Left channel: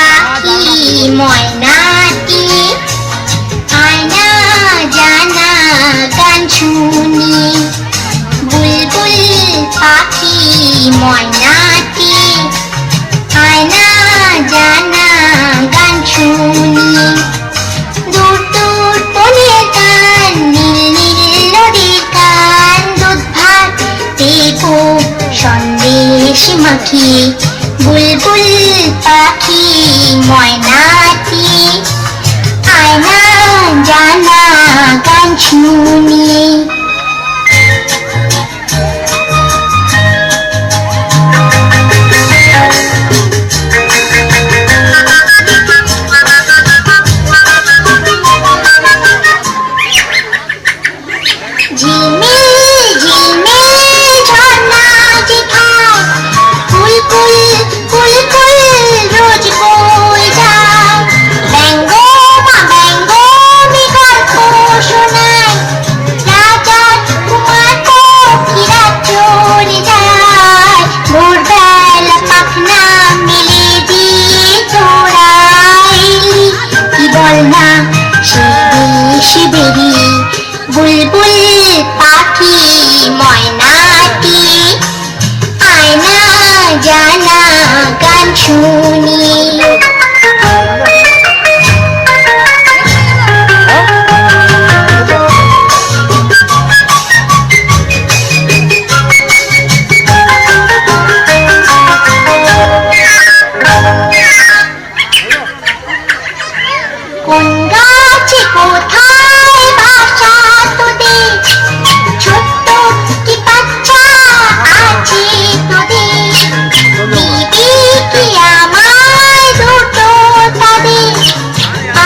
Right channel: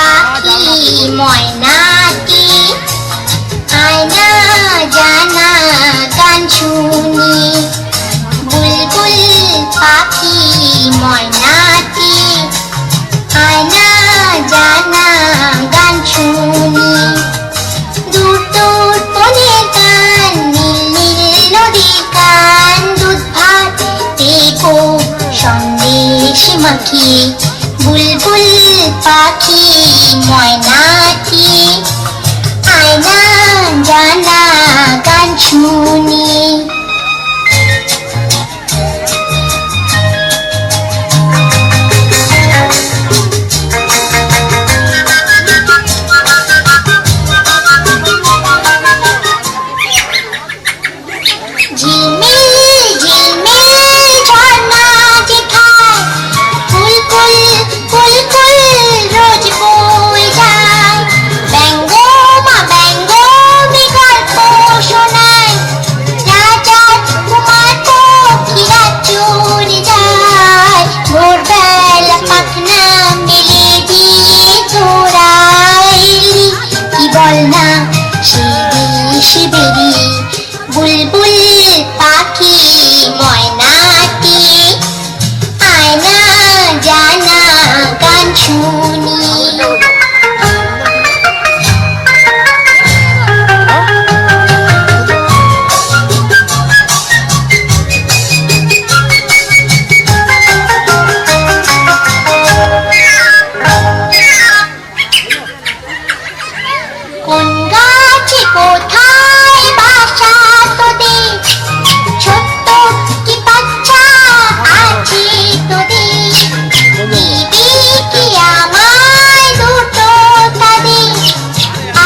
পাখি ময়নাটি আয়না জানা গান শুনি বুলবুল পাখি ময়নাটি আয়না জানা গান শুনি দূর দূর বনের গান নীল নীল নদীর গান দুধ ভাত দেবো সন্দেশ মাখিয়ে বুলবুল পাখি ময়নাটি আয়না জানা গান শুনি ঝিলমিল ঝিলমিল ঝর্ণা যেখানে ফুল ফুল ফুল ফুল রোজ বই যায় ব্যঙ্গ মা ব্যঙ্গ গল্প শোনায় রাজার কুমার পক্ষীরা চলে যায় ভোরবেলা পাখনা মেলে দিয়ে তোরাইলি কি বল না সে বেরিয়ে বুলবুল পাখি ময়নাটি আয়না জানা গান শুনি কোন গাছে কোথায় বাসা তোদের ছোট্ট কি বাচ্চা আছে তোদের দিবি কি আমায় দুটো তাদের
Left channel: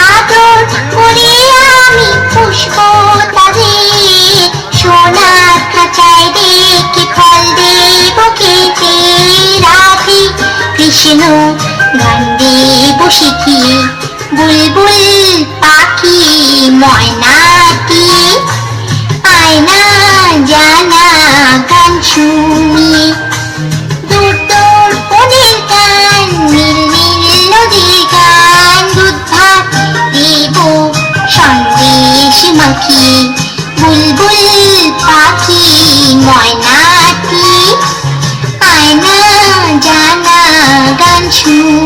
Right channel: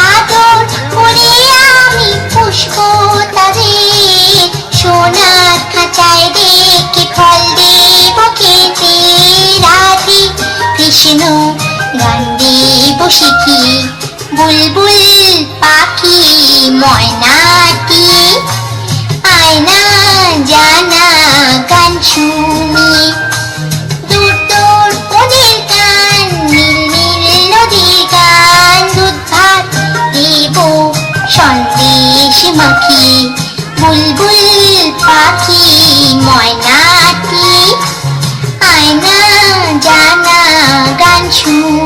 আদর করে আমি পুষবো তাদের সোনার খাঁচায় রেখে ফল দেব খেতে রাধে কৃষ্ণ গান দেব শিখিয়ে বুলবুল পাখি ময়নাটি আয়না জানা গান শুনি দূর দূর বনের গান নীল নীল নদীর গান দুধ ভাত দেব সন্দেশ মাখিয়ে বুলবুল পাখি ময়নাটি আয়না জানা গান শুনি